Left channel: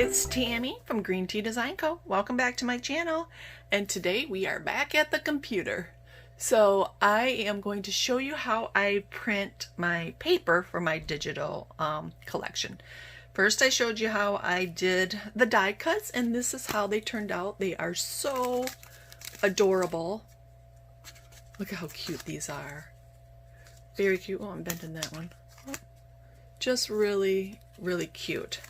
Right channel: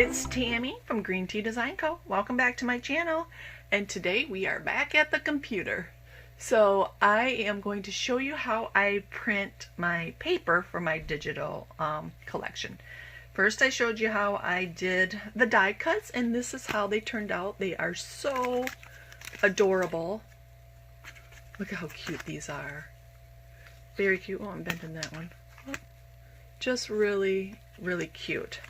It's Tammy from Green Tea Design Co. Welcome back to my channel, and today we are back at the computer. So I am going to show you how I print my paper for my digital collection. First I showed you how I did the die cuts, and this is how they turned out. They are so adorable. Look at how cute these are. Very cute. Oh, I'm bending that one. Just really, really cute.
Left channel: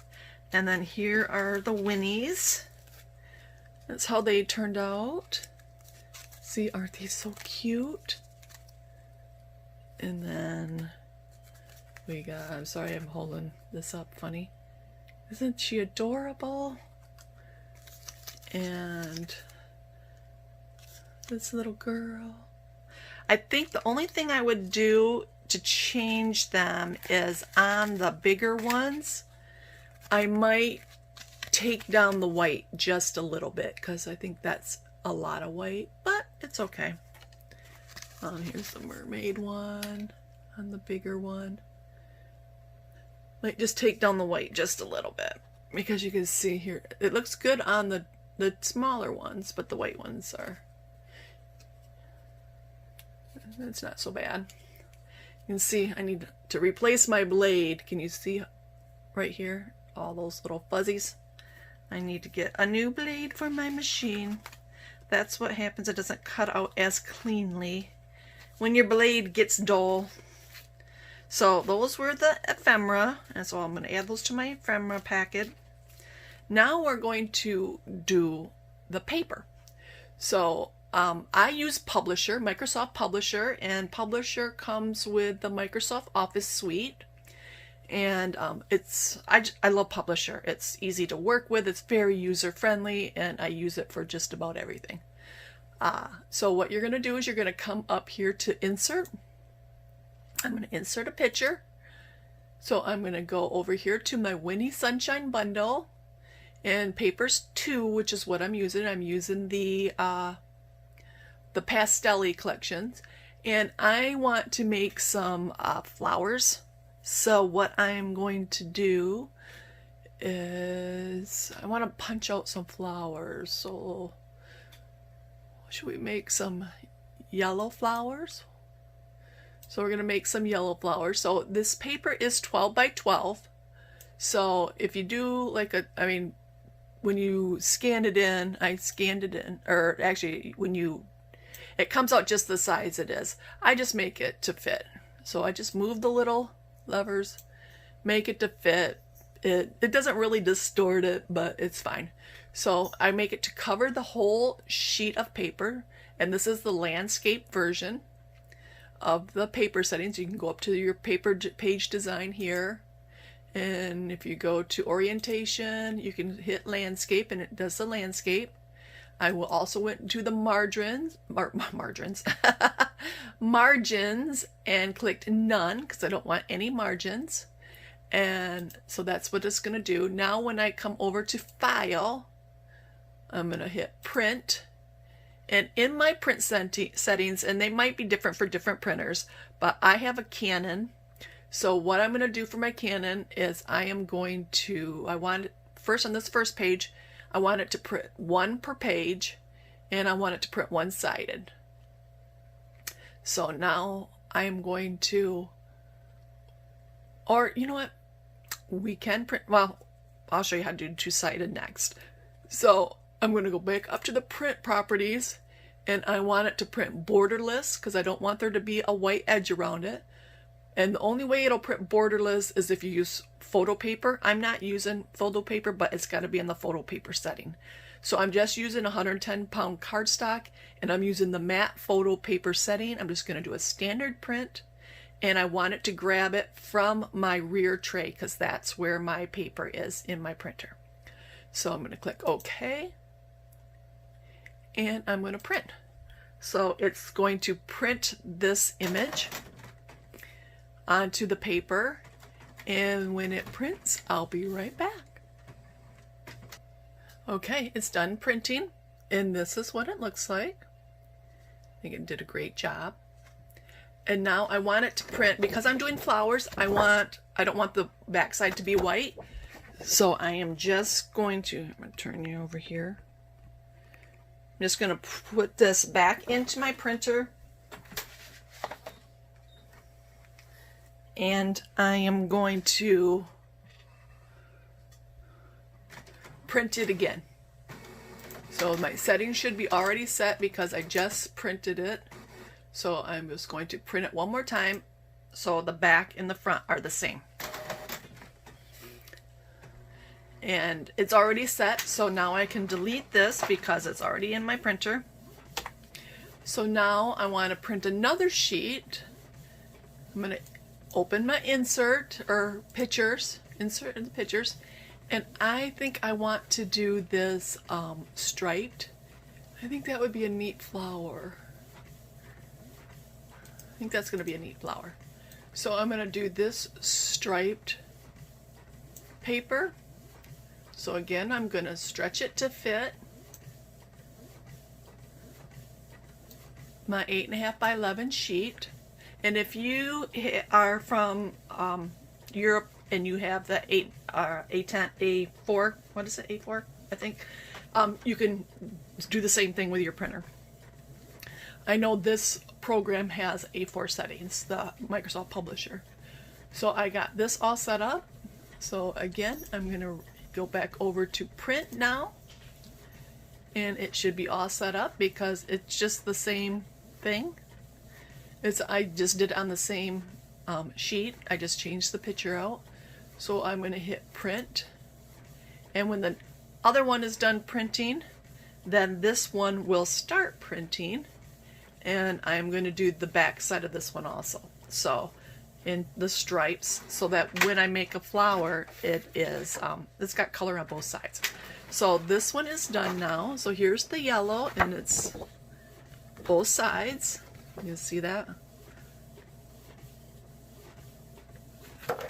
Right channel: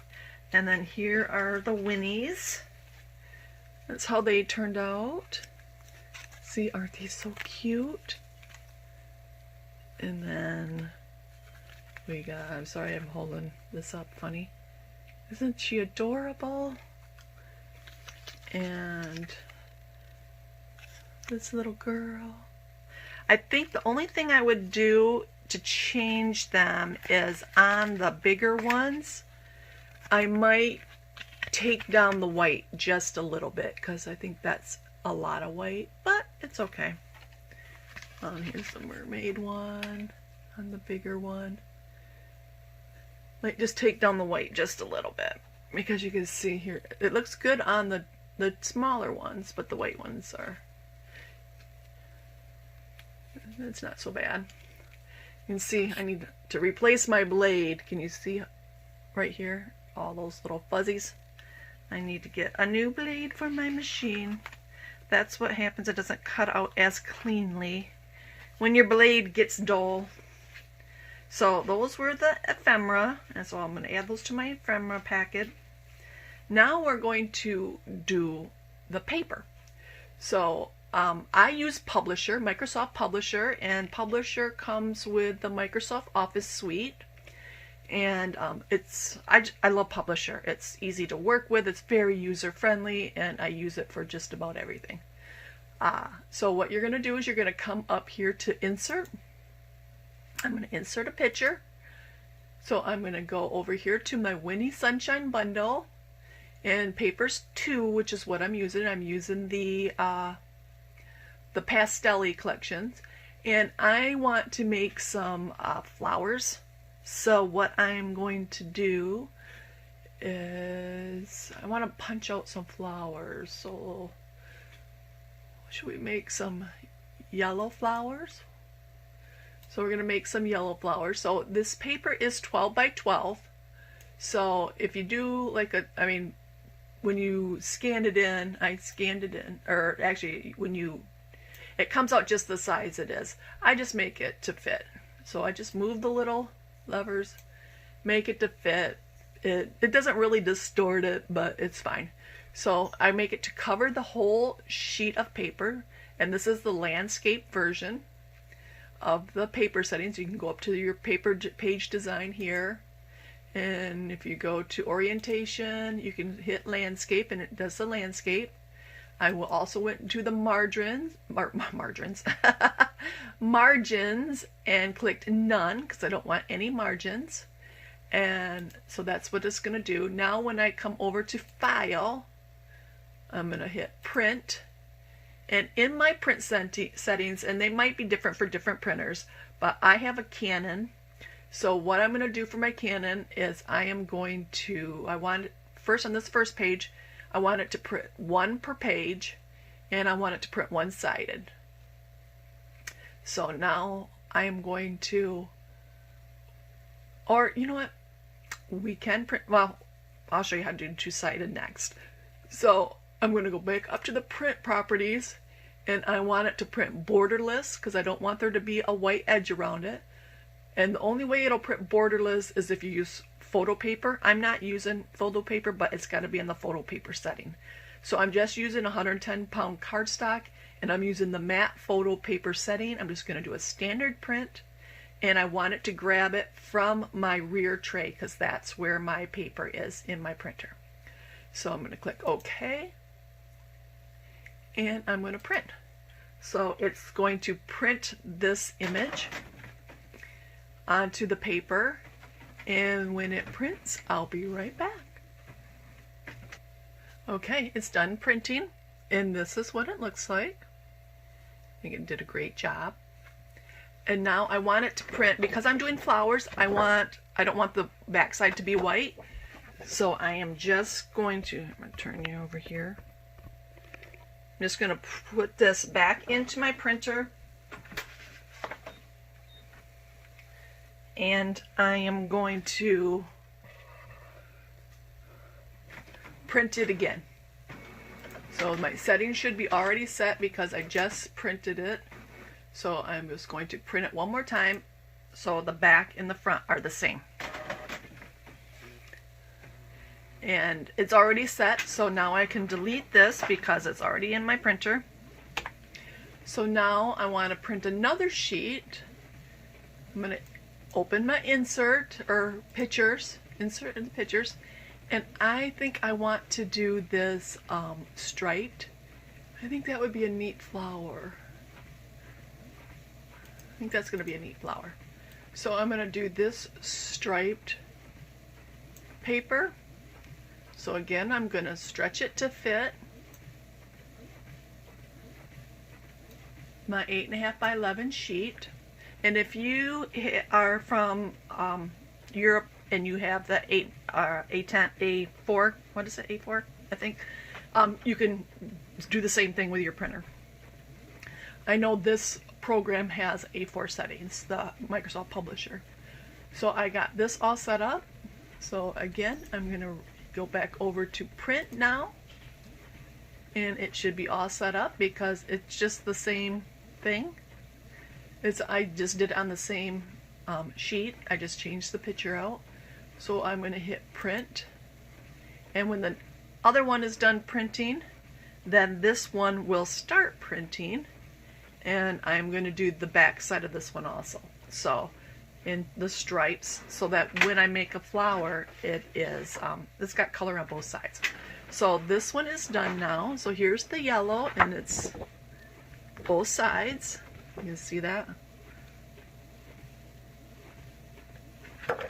And then here are the Winnies. That's how they turned out. See, aren't they so cute? And then we got, I'm sorry I'm holding this up funny. Isn't she adorable? And this little girl. I think the only thing I would do to change them is on the bigger ones, I might take down the white just a little bit because I think that's a lot of white, but it's okay. Here's the mermaid one on the bigger one. Might just take down the white just a little bit because you can see here it looks good on the smaller ones, but the white ones are, it's not so bad. You can see I need to replace my blade. Can you see right here? All those little fuzzies. I need to get a new blade for my machine. That's what happens. It doesn't cut out as cleanly when your blade gets dull. So those were the ephemera, and so I'm going to add those to my ephemera packet. Now we're going to do the paper. So I use Publisher, Microsoft Publisher, and Publisher comes with the Microsoft Office suite. And I love Publisher. It's easy to work with, it's very user-friendly, and I use it for just about everything. So what you're going to do is you're going to come up here to Insert. I'm going to insert a picture. So I'm going to go over here to my Winnie Sunshine Bundle, and Papers 2, which is what I'm using. I'm using the Pastel-y collections, and I want to make some flowers. So what I'm going to do is I want to punch out some flowers. So should we make some yellow flowers? So we're going to make some yellow flowers. So this paper is 12 by 12. So if you do like when you scan it in, I scanned it in, or actually it comes out just the size it is. I just make it to fit. So I just move the little levers, make it to fit. It doesn't really distort it, but it's fine. So I make it to cover the whole sheet of paper, and this is the landscape version of the paper settings. You can go up to your paper page design here, and if you go to orientation, you can hit landscape, and it does the landscape. I will also went to the margins and clicked none because I don't want any margins. And so that's what it's going to do. Now when I come over to File, I'm going to hit Print. And in my print settings, and they might be different for different printers, but I have a Canon. So what I'm going to do for my Canon is first on this first page, I want it to print one per page, and I want it to print one-sided. So now I'm going to, or you know what, we can print, well, I'll show you how to do two-sided next. So I'm going to go back up to the print properties, and I want it to print borderless because I don't want there to be a white edge around it. And the only way it'll print borderless is if you use photo paper. I'm not using photo paper, but it's got to be in the photo paper setting. So I'm just using 110-pound cardstock, and I'm using the matte photo paper setting. I'm just going to do a standard print, and I want it to grab it from my rear tray because that's where my paper is in my printer. So I'm going to click OK, and I'm going to print. So it's going to print this image onto the paper, and when it prints, I'll be right back. Okay, it's done printing, and this is what it looks like. I think it did a great job. And now I want it to print, because I'm doing flowers, I don't want the backside to be white. So I am just going to, I'm going to turn you over here. I'm just going to put this back into my printer. And I am going to print it again. So my settings should be already set because I just printed it. So I'm just going to print it one more time so the back and the front are the same. And it's already set, so now I can delete this because it's already in my printer. So now I want to print another sheet. I'm going to open my insert or pictures, insert in the pictures, and I think I want to do this striped. I think that would be a neat flower. I think that's going to be a neat flower. So I'm going to do this striped paper. So again, I'm going to stretch it to fit my 8.5 by 11 sheet. And if you are from Europe and you have the A4, what is it, A4, I think, you can do the same thing with your printer. I know this program has A4 settings, the Microsoft Publisher. So I got this all set up. So again, I'm going to go back over to print now. And it should be all set up because it's just the same thing. I just did it on the same sheet. I just changed the picture out. So I'm going to hit print. And when the other one is done printing, then this one will start printing. And I'm going to do the back side of this one also. So in the stripes, so that when I make a flower, it is, it's got color on both sides. So this one is done now. So here's the yellow, and it's both sides. You can see that.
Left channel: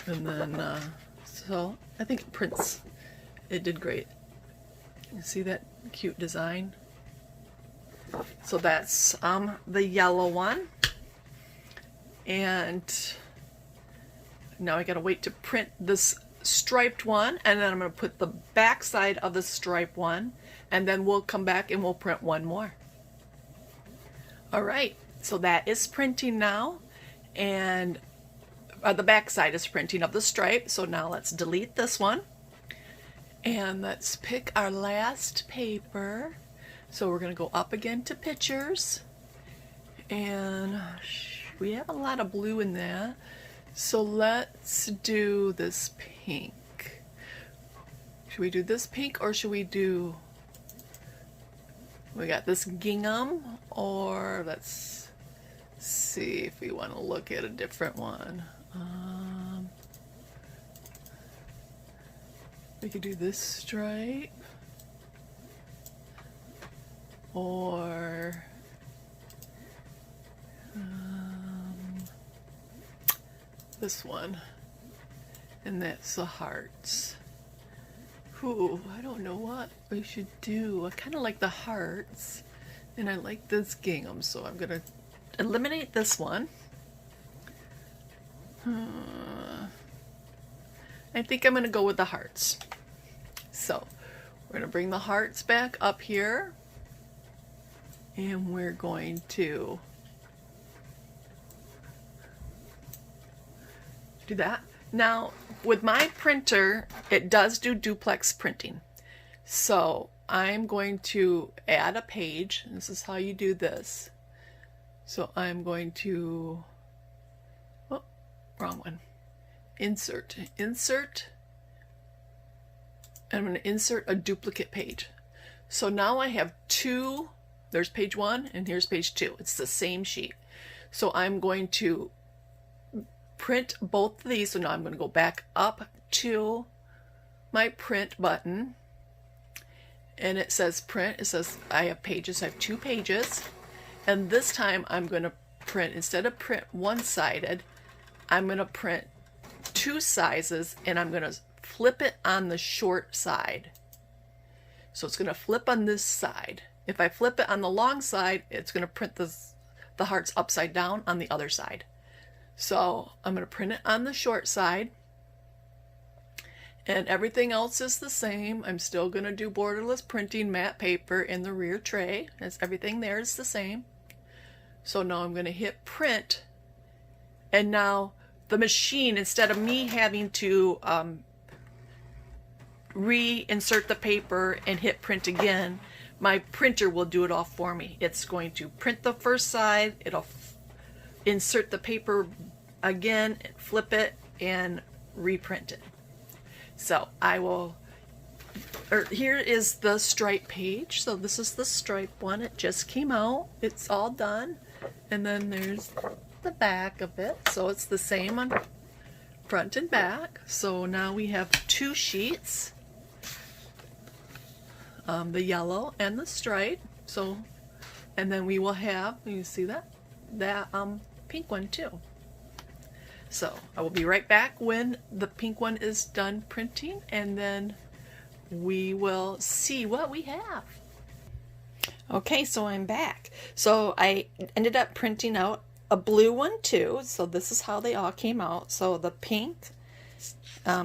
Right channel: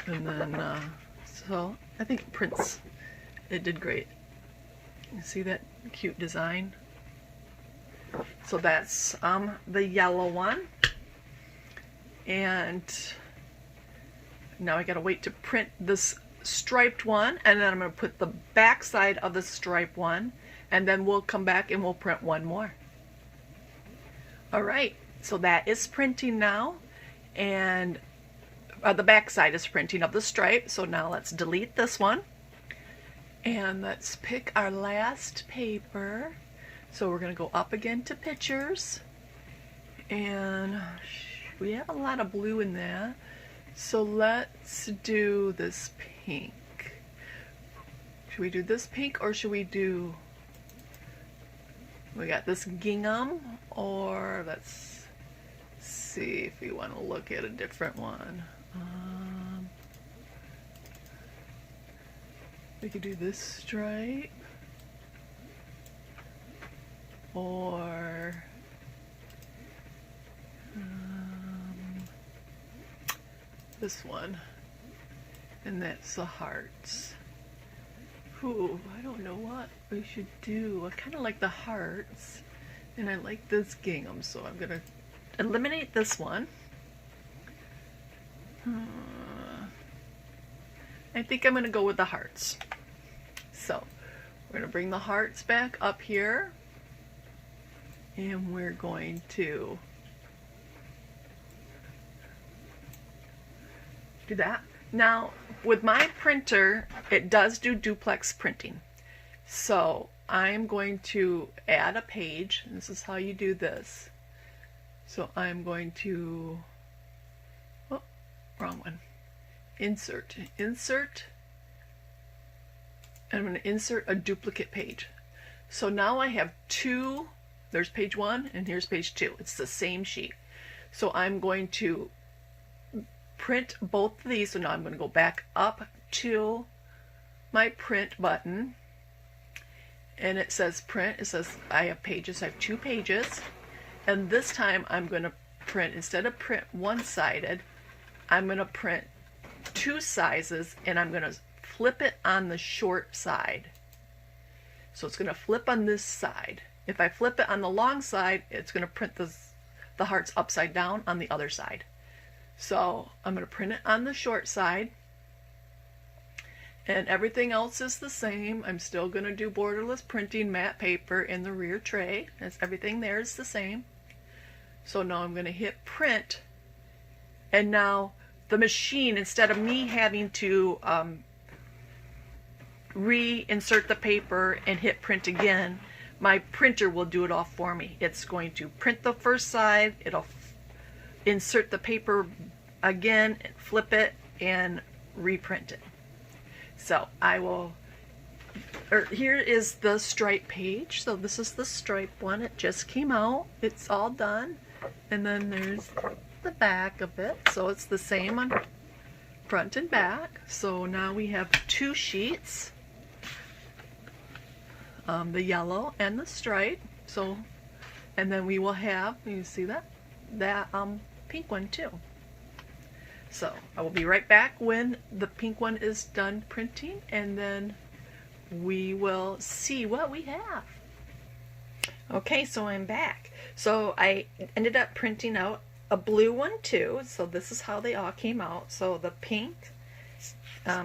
And then, so I think it prints. It did great. You see that cute design? So that's the yellow one. And now I gotta wait to print this striped one, and then I'm gonna put the back side of the striped one, and then we'll come back and we'll print one more. All right, so that is printing now, and the back side is printing of the stripe. So now let's delete this one, and let's pick our last paper. So we're gonna go up again to pictures, and we have a lot of blue in there. So let's do this pink. Should we do this pink, or should we do, we got this gingham, or let's see if we want to look at a different one. We could do this stripe, or this one, and that's the hearts. Ooh, I don't know what we should do. I kind of like the hearts, and I like this gingham, so I'm gonna eliminate this one. I think I'm gonna go with the hearts. So we're gonna bring the hearts back up here, and we're going to do that. Now with my printer, it does do duplex printing, so I'm going to add a page. This is how you do this. So I'm going to, oh, wrong one, insert, I'm going to insert a duplicate page. So now I have two, there's page 1 and here's page 2. It's the same sheet. So I'm going to print both of these. So now I'm going to go back up to my print button, and it says print. It says I have pages. I have 2 pages, and this time I'm going to print, instead of print one-sided, I'm going to print 2 sizes, and I'm going to flip it on the short side. So it's going to flip on this side. If I flip it on the long side, it's going to print the hearts upside down on the other side. So I'm going to print it on the short side, And everything else is the same. I'm still going to do borderless printing, matte paper in the rear tray, as everything there is the same. So now I'm going to hit print, and now the machine, instead of me having to reinsert the paper and hit print again, my printer will do it all for me. It's going to print the first side, it'll insert the paper again, flip it, and reprint it. So I will, here is the stripe page. So this is the stripe one. It just came out. It's all done. And then there's the back of it. So it's the same on front and back. So now we have 2 sheets. The yellow and the stripe. So, and then we will have, you see that pink one too. So I will be right back when the pink one is done printing, and then we will see what we have. Okay, so I'm back. So I ended up printing out a blue one too. So this is how they all came out. So the pink,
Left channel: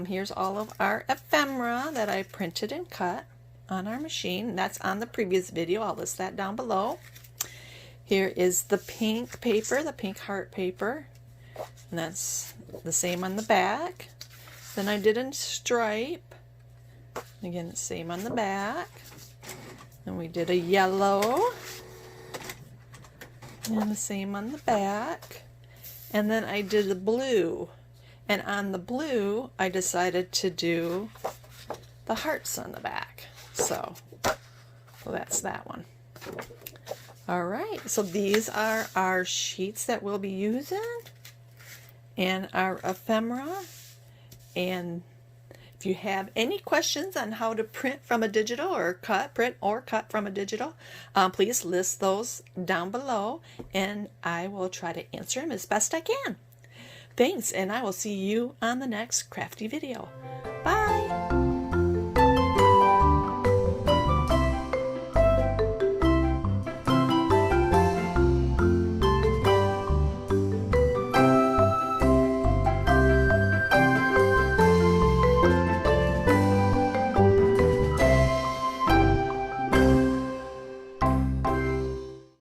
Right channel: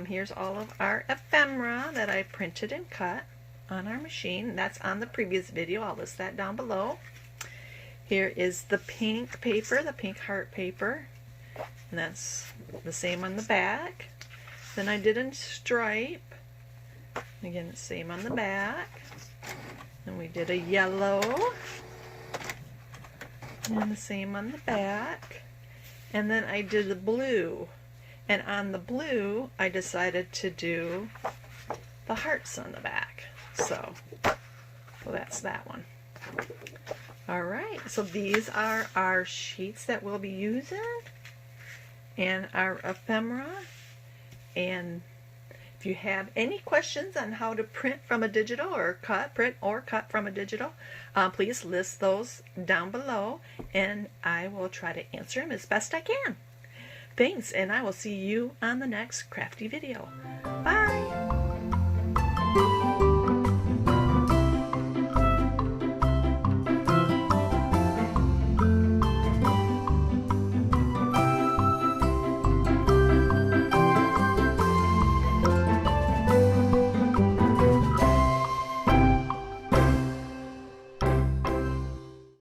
here's all of our ephemera that I printed and cut on our machine. That's on the previous video. I'll list that down below. Here is the pink paper, the pink heart paper, and that's the same on the back. Then I did a stripe, again the same on the back. Then we did a yellow, and the same on the back. And then I did the blue, and on the blue I decided to do the hearts on the back. So that's that one. Alright, so these are our sheets that we'll be using, and our ephemera. And if you have any questions on how to print from a digital, or print or cut from a digital, please list those down below, and I will try to answer them as best I can. Thanks, and I will see you on the next crafty video.